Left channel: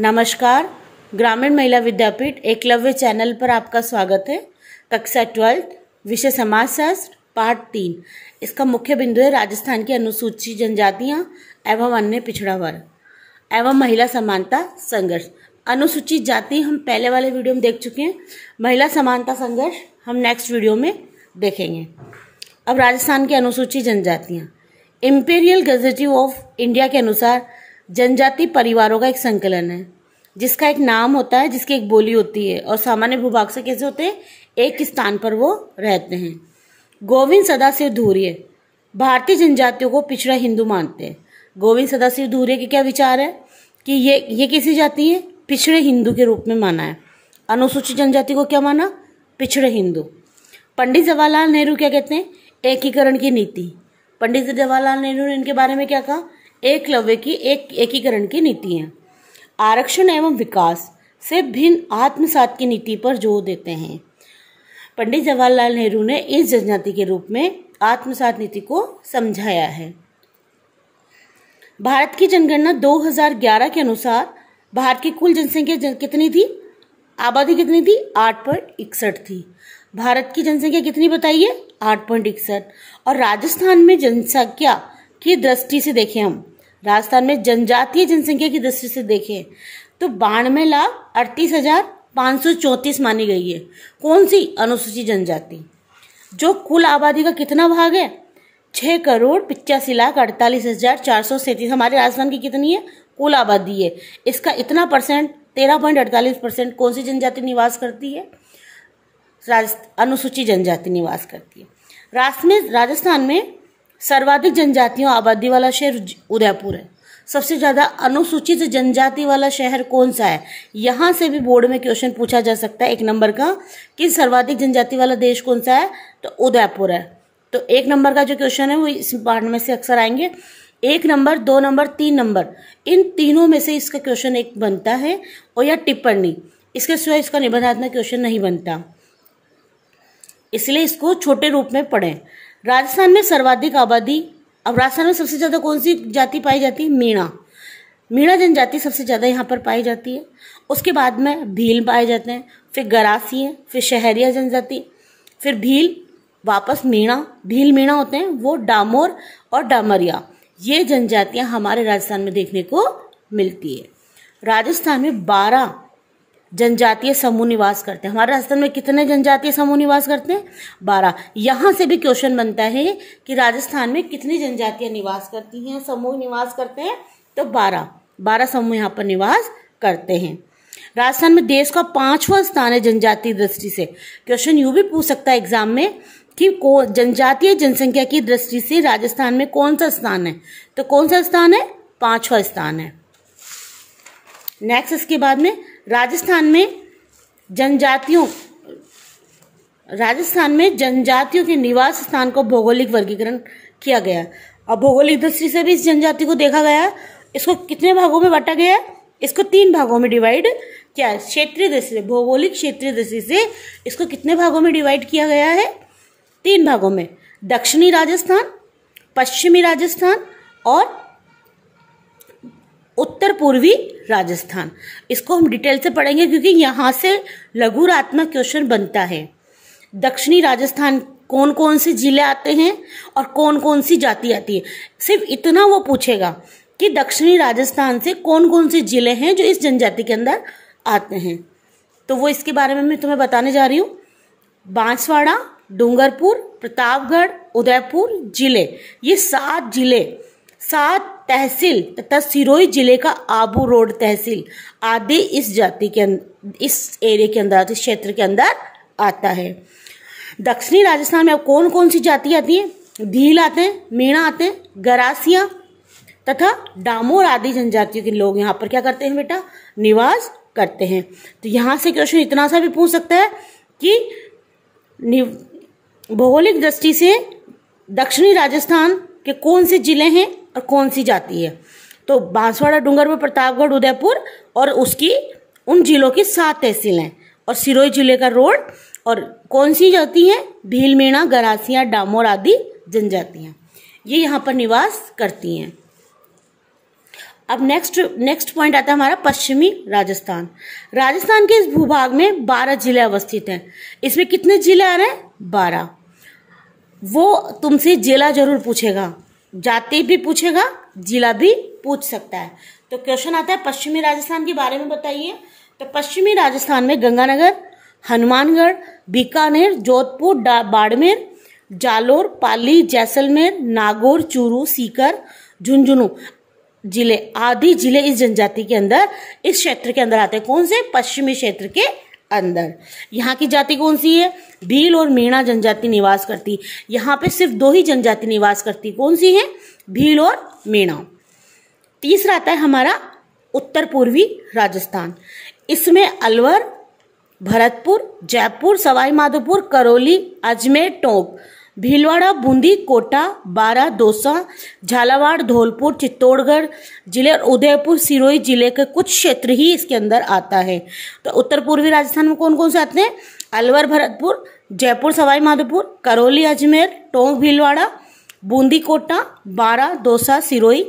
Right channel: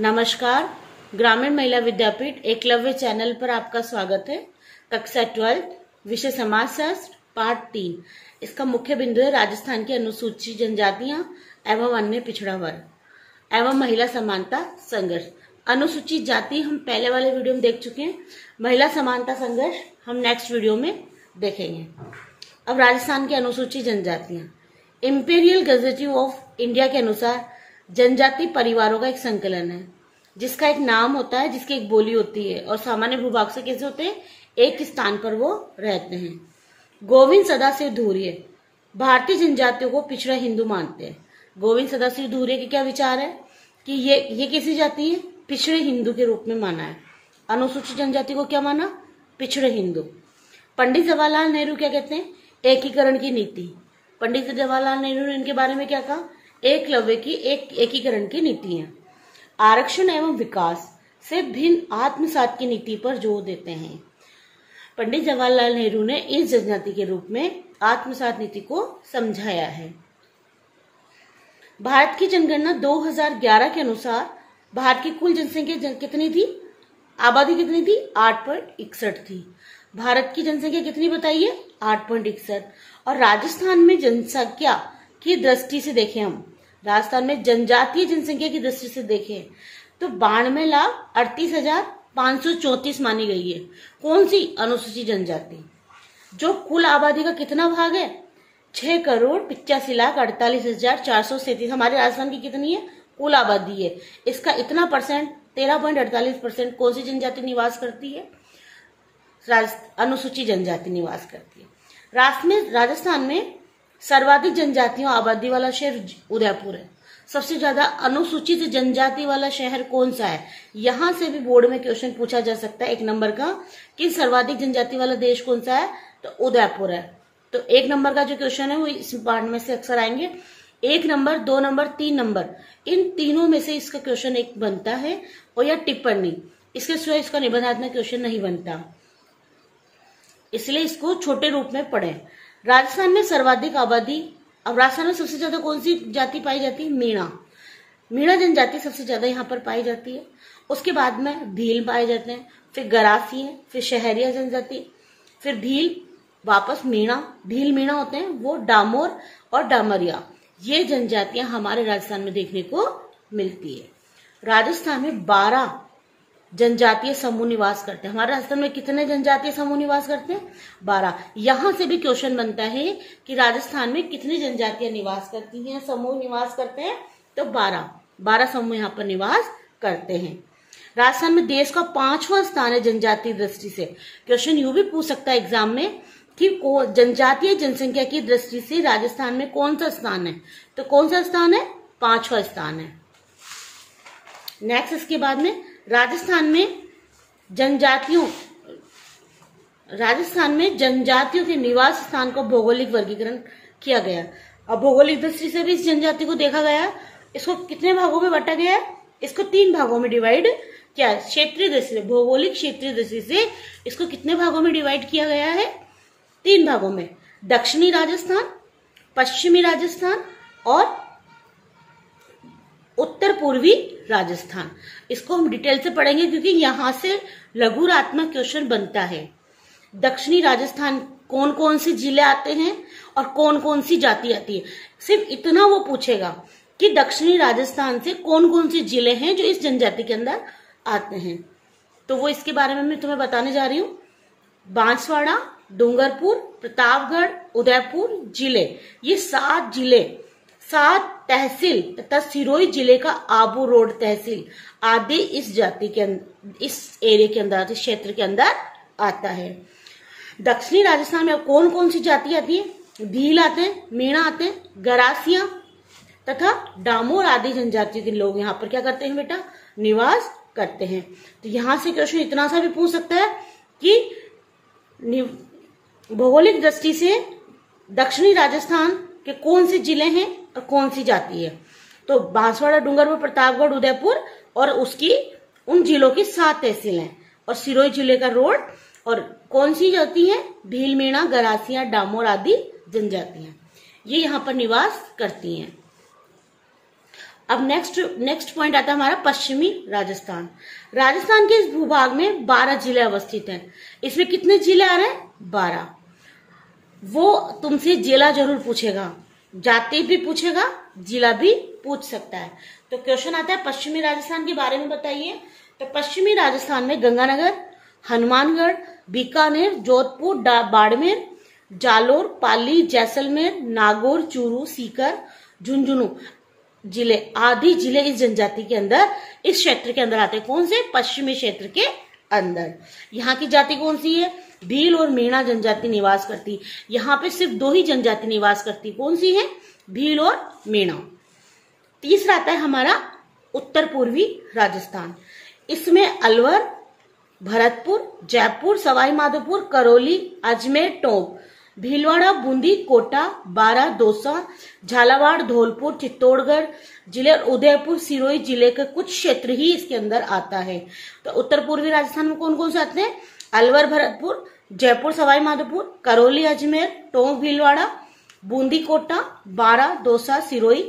नमस्कार। ग्रामीण महिला विद्यापीठ एकलव्य चैनल पर आपका स्वागत है। कक्षा 12 विषय समाजशास्त्र पाठ 3। इसका मुख्य बिंदु है राजस्थान की अनुसूचित जनजातियां एवं अन्य पिछड़ा वर्ग एवं महिला समानता संघर्ष। अनुसूचित जाति हम पहले वाले वीडियो में देख चुके हैं। महिला समानता संघर्ष हम नेक्स्ट वीडियो में देखेंगे। अब राजस्थान की अनुसूचित जनजातियां। इंपीरियल गजेटिव ऑफ इंडिया के अनुसार जनजाति परिवारों का एक संकलन है जिसका एक नाम होता है, जिसकी एक बोली होती है और सामान्य भूभाग से कैसे होते हैं, एक स्थान पर वो रहते हैं। गोविंद सदाशिव धूर्य भारतीय जनजातियों को पिछड़ा हिंदू मानते हैं। गोविंद सदाशिव धूर्य के क्या विचार है कि ये कैसी जाति है, पिछड़े हिंदू के रूप में माना है। अनुसूचित जनजाति को क्या माना, पिछड़े हिंदू। पंडित जवाहरलाल नेहरू क्या कहते हैं, एकीकरण की नीति। पंडित जवाहरलाल नेहरू ने इनके बारे में क्या कहा, एकलव्य की एकीकरण की नीति है। आरक्षण एवं विकास से भिन्न आत्मसात की नीति पर जोर देते हैं। पंडित जवाहरलाल नेहरू ने इस जनजाति के रूप में आत्मसात नीति को समझाया है। भारत की जनगणना 2011 के अनुसार भारत की कुल जनसंख्या कितनी थी, आबादी कितनी थी, 8.61 थी। भारत की जनसंख्या कितनी बताइए, 8.61। और राजस्थान में जनसंख्या की दृष्टि से देखें, हम राजस्थान में जनजातीय जनसंख्या की दृष्टि से देखें तो 92,38,534 मानी गई है। कौन सी, अनुसूचित जनजाति। जो कुल आबादी का कितना भाग है, 6,85,48,437। हमारे राजस्थान की कितनी है, कुल आबादी है, इसका इतना परसेंट 13.48% कौन सी जनजाति निवास करती है, अनुसूचित जनजाति निवास करती है। राजस्थान में सर्वाधिक जनजातियों आबादी वाला शहर उदयपुर है। सबसे ज्यादा अनुसूचित जनजाति वाला शहर कौन सा है, यहां से भी बोर्ड में क्वेश्चन पूछा जा सकता है 1 नंबर का कि सर्वाधिक जनजाति वाला देश कौन सा है, तो उदयपुर है। तो 1 नंबर का जो क्वेश्चन है वो इस पार्ट में से अक्सर आएंगे। 1 नंबर, 2 नंबर, 3 नंबर, इन तीनों में से इसका क्वेश्चन एक बनता है और या टिप्पणी, इसके सिवाय इसका निबंधात्मक क्वेश्चन नहीं बनता, इसलिए इसको छोटे रूप में पढ़ें। राजस्थान में सर्वाधिक आबादी, अब राजस्थान में सबसे ज्यादा कौन सी जाति पाई जाती है, मीणा जनजाति सबसे ज्यादा यहाँ पर पाई जाती है। उसके बाद में भील पाए जाते हैं, फिर गरासी है, फिर शहरिया जनजाति, फिर भील, वापस भील मीणा होते हैं, वो डामोर और डामरिया, ये जनजातियां हमारे राजस्थान में देखने को मिलती है। राजस्थान में 12 जनजातीय समूह निवास करते हैं। हमारे राजस्थान में कितने जनजातीय समूह निवास करते हैं, 12। यहां से भी क्वेश्चन बनता है कि राजस्थान में कितनी जनजातियां निवास करती हैं, समूह निवास करते हैं, तो 12 समूह यहाँ पर निवास करते हैं। राजस्थान में देश का 5वां स्थान है जनजातीय दृष्टि से। क्वेश्चन यूं भी पूछ सकता है एग्जाम में कि जनजातीय जनसंख्या की दृष्टि से राजस्थान में कौन सा स्थान है, तो कौन सा स्थान है, 5वां स्थान है। नेक्स्ट, इसके बाद में राजस्थान में जनजातियों के निवास स्थान को भौगोलिक वर्गीकरण किया गया और भौगोलिक दृष्टि से भी इस जनजाति को देखा गया। इसको कितने भागों में बांटा गया है, इसको 3 भागों में डिवाइड किया है। क्षेत्रीय दृष्टि से, भौगोलिक क्षेत्रीय दृष्टि से इसको कितने भागों में डिवाइड किया गया है, 3 भागों में। दक्षिणी राजस्थान, पश्चिमी राजस्थान और उत्तर पूर्वी राजस्थान। इसको हम डिटेल से पढ़ेंगे क्योंकि यहां से लघुरात्मक क्वेश्चन बनता है। दक्षिणी राजस्थान कौन कौन से जिले आते हैं और कौन कौन सी जाति आती है, सिर्फ इतना वो पूछेगा कि दक्षिणी राजस्थान से कौन कौन से जिले हैं जो इस जनजाति के अंदर आते हैं। तो वो इसके बारे में मैं तुम्हें बताने जा रही हूँ। बांसवाड़ा, डूंगरपुर, प्रतापगढ़, उदयपुर जिले, ये 7 जिले, 7 तहसील तथा सिरोही जिले का आबू रोड तहसील आदि इस जाति के इस एरिया के अंदर, इस क्षेत्र के अंदर आता है। दक्षिणी राजस्थान में कौन कौन सी जाति आती है, भील आते हैं, मीणा आते हैं, गरासिया तथा डामोर आदि जनजातियों के लोग यहाँ पर क्या करते हैं बेटा, निवास करते हैं। तो यहां से क्वेश्चन इतना सा भी पूछ सकता है कि भौगोलिक दृष्टि से दक्षिणी राजस्थान के कौन से जिले हैं और कौन सी जाति है, तो बांसवाड़ा, डूंगरपुर, प्रतापगढ़, उदयपुर और उसकी उन जिलों की 7 तहसील हैं और सिरोही जिले का रोड, और कौन सी जाति है, भील, मीणा, गरासिया, डामोर आदि जनजातियां, ये यहाँ पर निवास करती हैं। अब नेक्स्ट पॉइंट आता है हमारा पश्चिमी राजस्थान। राजस्थान के इस भूभाग में 12 जिले अवस्थित हैं। इसमें कितने जिले आ रहे हैं? 12। वो तुमसे जिला जरूर पूछेगा, जाति भी पूछेगा, जिला भी पूछ सकता है। तो क्वेश्चन आता है पश्चिमी राजस्थान के बारे में बताइए। तो पश्चिमी राजस्थान में गंगानगर, हनुमानगढ़, बीकानेर, जोधपुर, बाड़मेर, जालोर, पाली, जैसलमेर, नागौर, चूरू, सीकर, झुंझुनू जिले आदि जिले इस जनजाति के अंदर, इस क्षेत्र के अंदर आते हैं। कौन से? पश्चिमी क्षेत्र के अंदर। यहाँ की जाति कौन सी है? भील और मीणा जनजाति निवास करती। यहाँ पे सिर्फ 2 ही जनजाति निवास करती। कौन सी है? भील और मीणा। तीसरा आता है हमारा उत्तर पूर्वी राजस्थान। इसमें अलवर, भरतपुर, जयपुर, सवाई माधोपुर, करौली, अजमेर, टोंक, भीलवाड़ा, बूंदी, कोटा, बारा, दौसा, झालावाड़, धौलपुर, चित्तौड़गढ़ जिले और उदयपुर, सिरोही जिले के कुछ क्षेत्र ही इसके अंदर आता है। तो उत्तर पूर्वी राजस्थान में कौन कौन से आते हैं? अलवर, भरतपुर, जयपुर, सवाई माधोपुर, करौली, अजमेर, टोंक, भीलवाड़ा, बूंदी, कोटा, बारा, दौसा, सिरोही,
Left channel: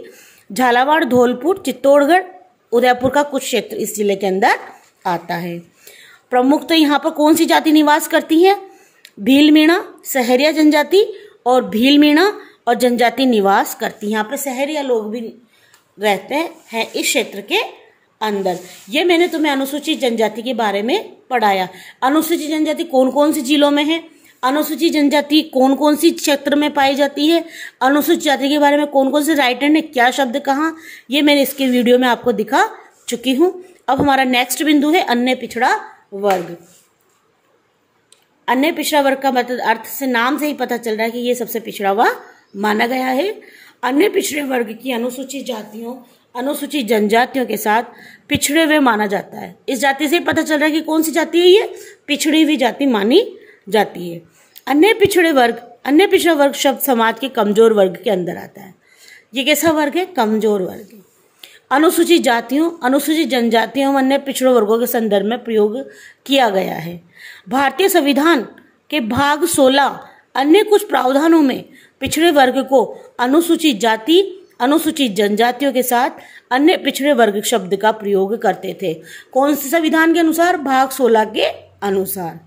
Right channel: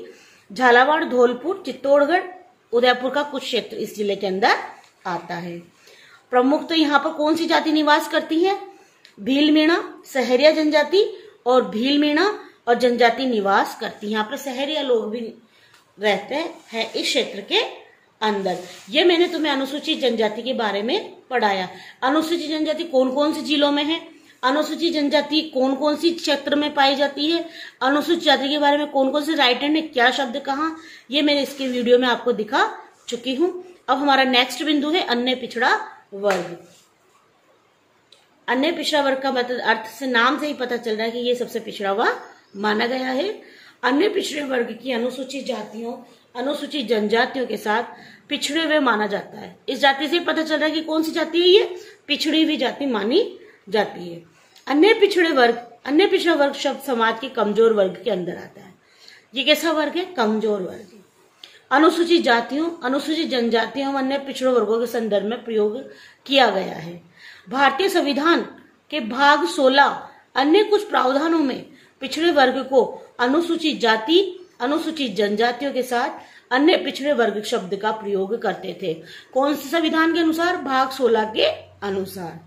झालावाड़, धौलपुर, चित्तौड़गढ़, उदयपुर का कुछ क्षेत्र इस जिले के अंदर आता है। प्रमुख तो यहाँ पर कौन सी जाति निवास करती है? भील मीणा, सहरिया जनजाति और भील मीणा और जनजाति निवास करती है। यहाँ पे सहरिया लोग भी रहते हैं इस क्षेत्र के अंदर। ये मैंने तुम्हें अनुसूचित जनजाति के बारे में पढ़ाया। अनुसूचित जनजाति कौन कौन से जिलों में है, अनुसूचित जनजाति कौन कौन सी क्षेत्र में पाई जाती है, अनुसूचित जाति के बारे में कौन कौन से राइटर ने क्या शब्द कहा, ये मैंने इसके वीडियो में आपको दिखा चुकी हूँ। अब हमारा नेक्स्ट बिंदु है अन्य पिछड़ा वर्ग। अन्य पिछड़ा वर्ग का मतलब अर्थ से नाम से ही पता चल रहा है कि ये सबसे पिछड़ा हुआ माना गया है। अन्य पिछड़े वर्ग की अनुसूचित जातियों, अनुसूचित जनजातियों के साथ पिछड़े हुए माना जाता है। इस जाति से पता चल रहा है कि कौन सी जाति है ये? पिछड़ी हुई जाति मानी जाती है। अन्य पिछड़ा वर्ग शब्द समाज के कमजोर वर्ग के अंदर आता है। ये कैसा वर्ग है? कमजोर वर्ग। अनुसूचित जातियों, अनुसूचित जनजातियों, अन्य पिछड़े वर्गों के संदर्भ में प्रयोग किया गया है। भारतीय संविधान के भाग 16 अन्य कुछ प्रावधानों में पिछड़े वर्ग को अनुसूचित जाति, अनुसूचित जनजातियों के साथ अन्य पिछड़े वर्ग शब्द का प्रयोग करते थे। कौन से संविधान के अनुसार? भाग 16 के अनुसार।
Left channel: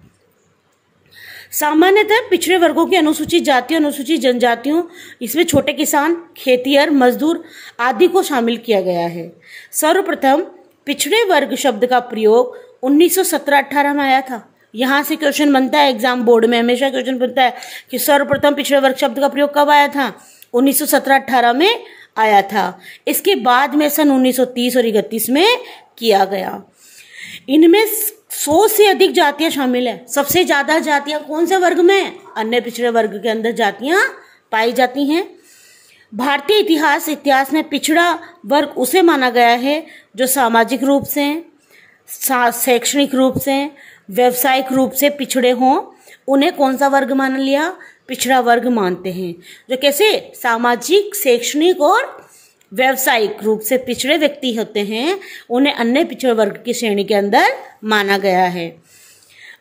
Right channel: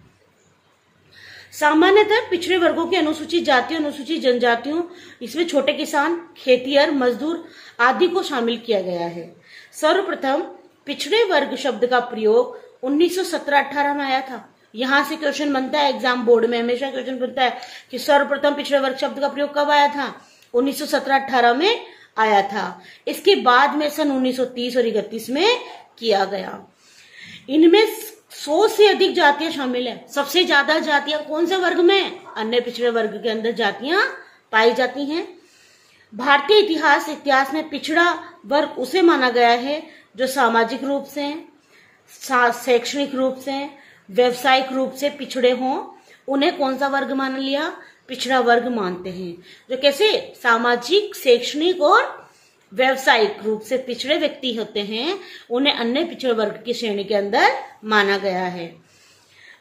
सामान्यतः पिछड़े वर्गों की अनुसूचित जातियों, अनुसूचित जनजातियों, इसमें छोटे किसान, खेतिहर, मजदूर आदि को शामिल किया गया है। सर्वप्रथम पिछड़े वर्ग शब्द का प्रयोग 1917-18 में आया था। यहां से क्वेश्चन बनता है, एग्जाम बोर्ड में हमेशा क्वेश्चन बनता है कि सर्वप्रथम पिछड़े वर्ग शब्द का प्रयोग कब आया था? 1917-18 में आया था। इसके बाद में सन 1930 और 1931 में किया गया। इनमें 100 से अधिक जातियां शामिल है। सबसे ज्यादा जातियां कौन से वर्ग में? अन्य पिछड़े वर्ग के अंदर जातियां पाई जाती हैं। भारतीय इतिहास में पिछड़ा वर्ग उसे माना गया है जो सामाजिक रूप से, शैक्षणिक रूप से, व्यवसायिक रूप से पिछड़े हों। उन्हें कौन सा वर्ग मान लिया? पिछड़ा वर्ग मानते हैं। जो कैसे? सामाजिक, शैक्षणिक और व्यवसायिक रूप से पिछड़े व्यक्ति होते हैं, उन्हें अन्य पिछड़े वर्ग की श्रेणी के अंदर माना गया है।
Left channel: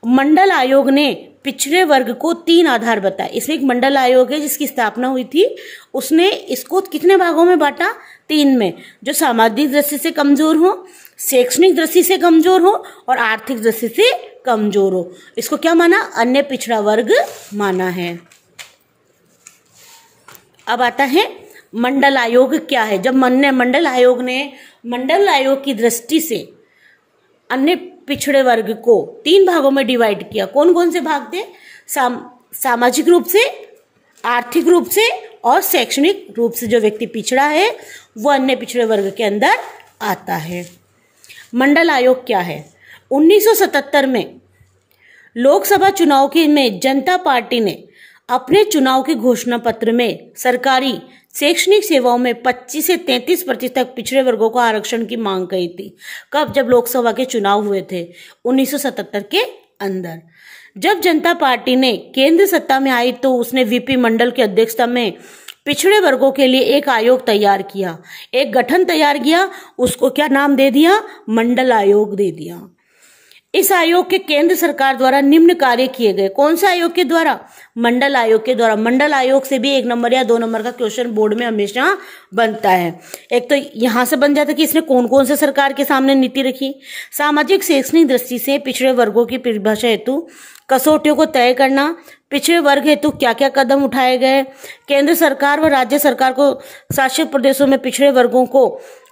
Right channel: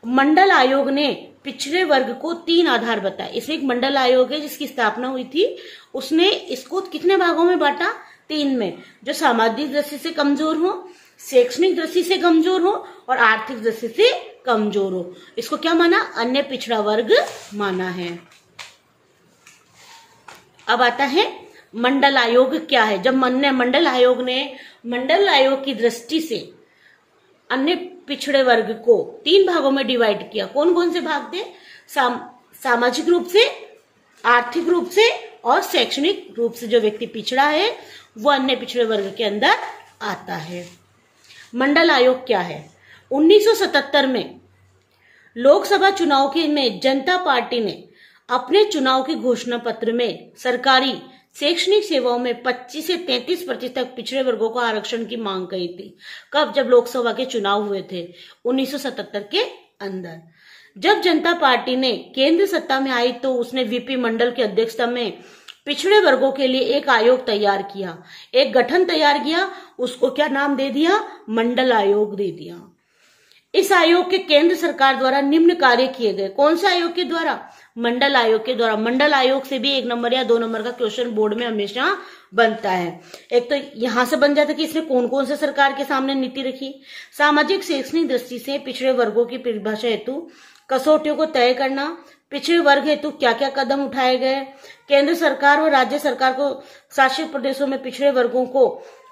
मंडल आयोग ने पिछड़े वर्ग को 3 आधार बताए। इसमें एक मंडल आयोग है जिसकी स्थापना हुई थी। उसने इसको कितने भागों में बांटा? 3 में। जो सामाजिक दृष्टि से कमजोर हो, शैक्षणिक दृष्टि से कमजोर हो और आर्थिक दृष्टि से कमजोर हो। इसको क्या माना? अन्य पिछड़ा वर्ग माना है। अब आता है मंडल आयोग क्या है। जब मंडल आयोग की दृष्टि से अन्य पिछड़े वर्ग को 3 भागों में डिवाइड किया। कौन कौन से भाग थे? सामाजिक रूप से, आर्थिक रूप से और शैक्षणिक रूप से जो व्यक्ति पिछड़ा है वो अन्य पिछड़े वर्ग के अंदर आता है। मंडल आयोग क्या है? 1977 में लोकसभा चुनाव में जनता पार्टी ने अपने चुनाव के घोषणा पत्र में सरकारी शैक्षणिक सेवाओं में 25 से 33% तक पिछड़े वर्गों को आरक्षण की मांग की थी। कब? जब लोकसभा के चुनाव हुए थे 1977 के अंदर। जब जनता पार्टी ने केंद्र सत्ता में आई तो उसने वीपी मंडल की अध्यक्षता में पिछड़े वर्गों के लिए एक आयोग तैयार किया, एक गठन तैयार किया। उसको क्या नाम दे दिया? मंडल आयोग दे दिया। इस आयोग के केंद्र सरकार द्वारा निम्न कार्य किए गए। कौन से आयोग के द्वारा? मंडल आयोग के द्वारा। मंडल आयोग से भी 1 नंबर या 2 नंबर का क्वेश्चन बोर्ड में हमेशा बनता है। एक तो यहां से बन जाता है कि इसने कौन कौन से सरकार के सामने नीति रखी। सामाजिक शैक्षणिक दृष्टि से पिछड़े वर्गों की परिभाषा हेतु कसौटियों को तय करना, पिछड़े वर्ग हेतु क्या क्या कदम उठाए गए, केंद्र सरकार व राज्य सरकार को शासित प्रदेशों में पिछड़े वर्गों को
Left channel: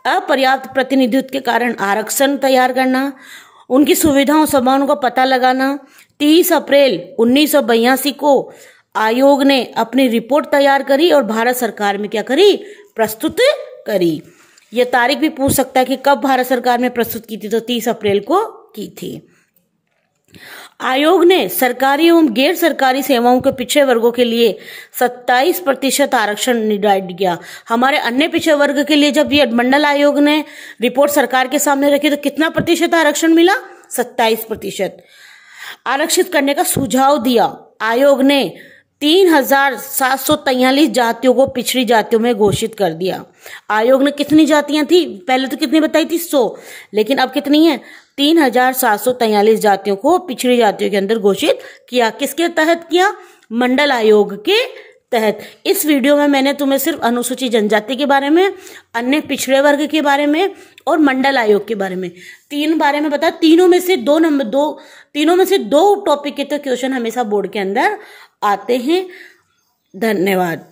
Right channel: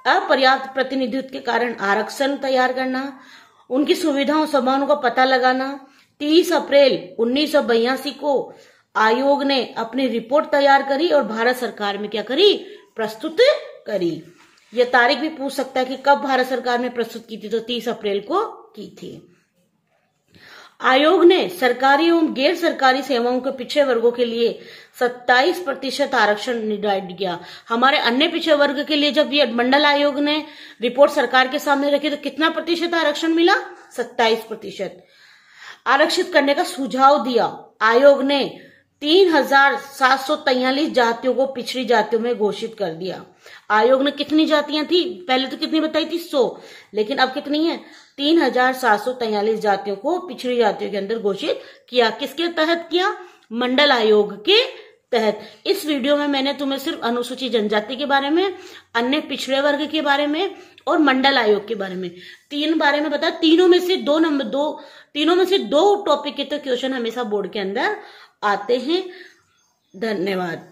अपर्याप्त प्रतिनिधित्व के कारण आरक्षण तैयार करना, उनकी सुविधाओं समानों का पता लगाना। 30 अप्रैल 1982 को आयोग ने अपनी रिपोर्ट तैयार करी और भारत सरकार में क्या करी? प्रस्तुत करी। यह तारीख भी पूछ सकता है कि कब भारत सरकार में प्रस्तुत की थी, तो 30 अप्रैल को की थी। आयोग ने सरकारी एवं गैर सरकारी सेवाओं के पिछड़े वर्गों के लिए 27% आरक्षण निर्धारित किया। हमारे अन्य पिछड़े वर्ग के लिए जब ये मंडल आयोग ने रिपोर्ट सरकार के सामने रखी तो कितना प्रतिशत आरक्षण मिला? 27% आरक्षित करने का सुझाव दिया। आयोग ने 3743 जातियों को पिछड़ी जातियों में घोषित कर दिया। आयोग ने कितनी जातियां थी? पहले तो कितनी बताई थी? 100, लेकिन अब कितनी है? 3743 जातियों को पिछड़ी जातियों के अंदर घोषित किया। किसके तहत किया? मंडल आयोग के तहत। इस वीडियो में मैंने तुम्हें सिर्फ अनुसूचित जनजाति के बारे में, अन्य पिछड़े वर्ग के बारे में और मंडल आयोग के बारे में, 3 बारे में बताया। तीनों में से 2 टॉपिक के तो क्वेश्चन हमेशा बोर्ड के अंदर आते हैं। धन्यवाद।